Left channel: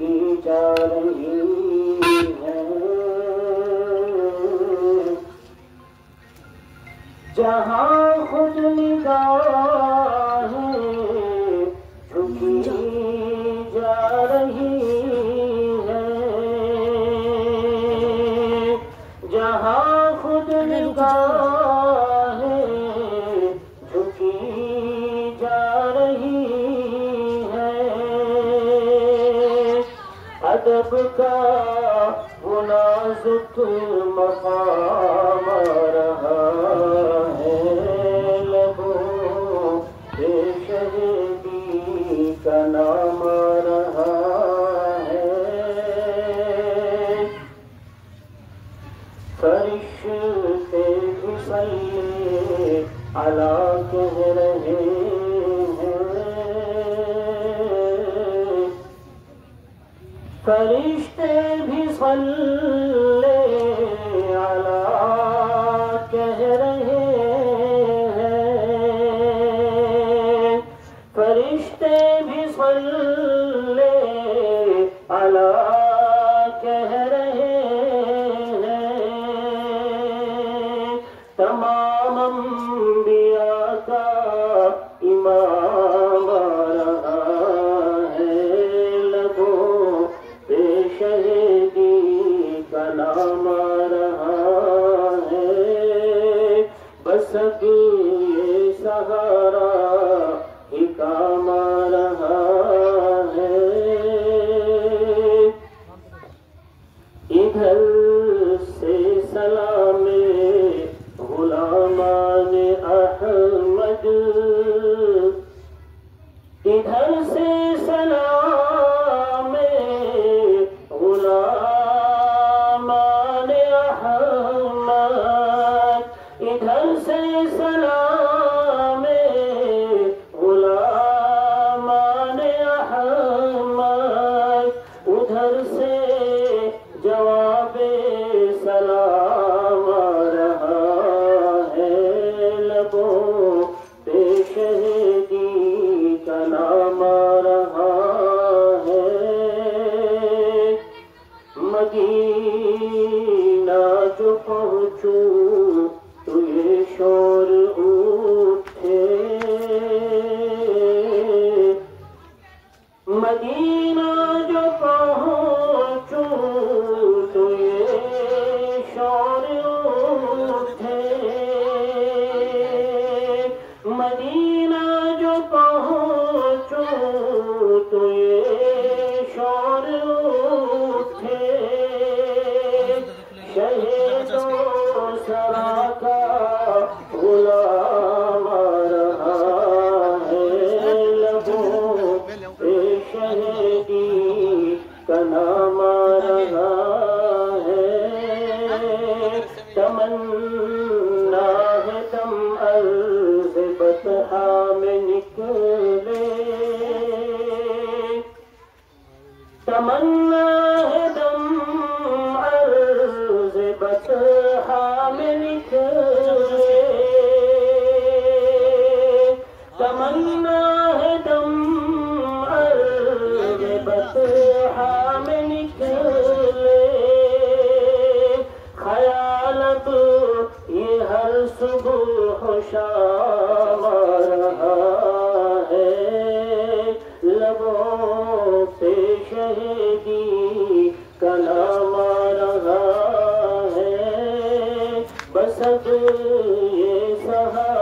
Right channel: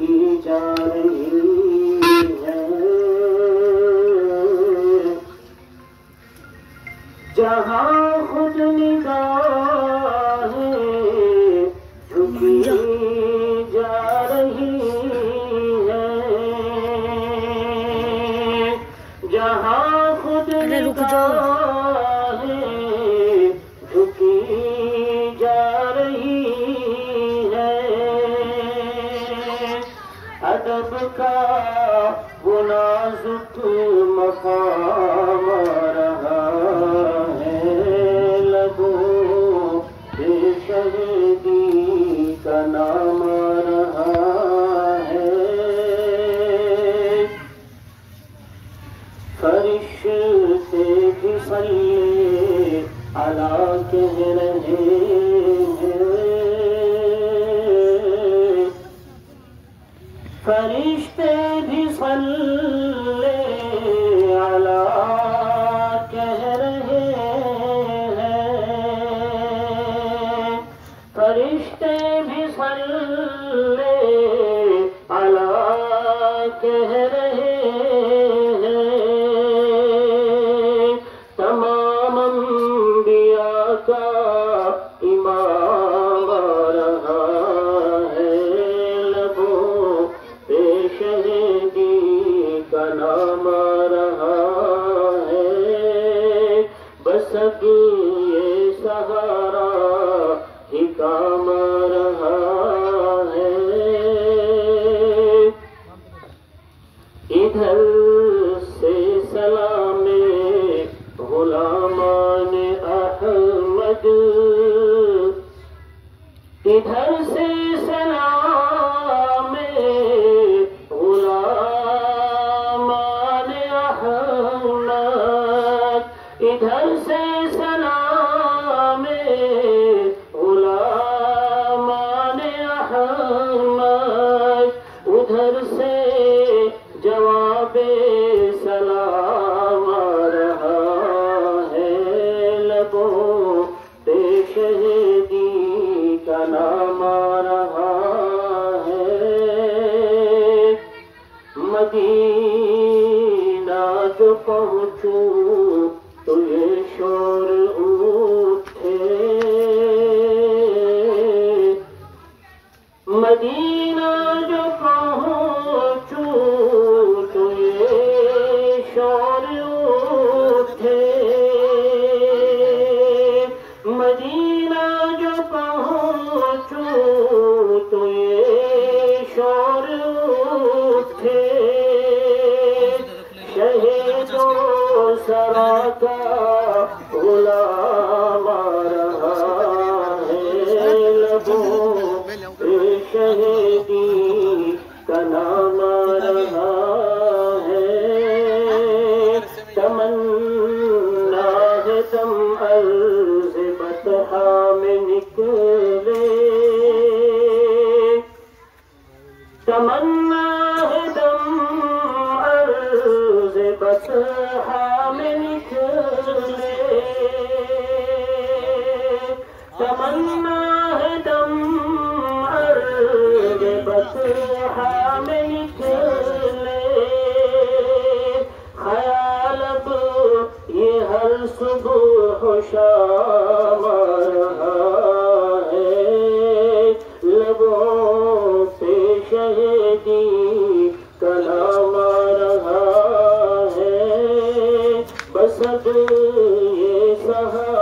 جا رہی ہے جہاں خود نگاہیں جھکی جا رہی ہے جہاں خود نگاہیں جھکی جا رہی ادب کا وہ نازک مقام رہا ہے لبوں پہ شہیدی کا نام رہا ہے فرشتے بھی صلی علی کہہ رہے فرشتے بھی صلی علی کہہ رہے ہیں فرشتے بھی صلی علی کہہ رہے ہیں تمام انبیاء کا امام رہا شہیدی کا نام رہا ہے بس اب یہ سہارا ہی کام رہا ہے ادھر سے سلام غلامان احمد ادھر سے سلام غلامان احمد ادھر سے سلام غلامان احمد ادھر سے جواب سلام رہا ہے لبوں پہ شہیدی کا نام رہا مدینہ جو پہنچوں تو یہ شور اٹھے مدینہ جو پہنچوں تو یہ شور اٹھے مدینہ جو پہنچوں تو یہ شور اٹھے شہیدوں سرا کا غلام رہا ہے لبوں پہ شہیدی کا نام رہا ہے تمنا ہے تم عرض بطحا میں نکلے تمنا ہے دم عرض بطحا میں نکلے تمنا ہے دم عرض بطحا میں نکلے خیال اب یہ ہر صبح و شام رہا ہے لبوں پہ شہیدی کا نام رہا ہے بس اب یہ سہارا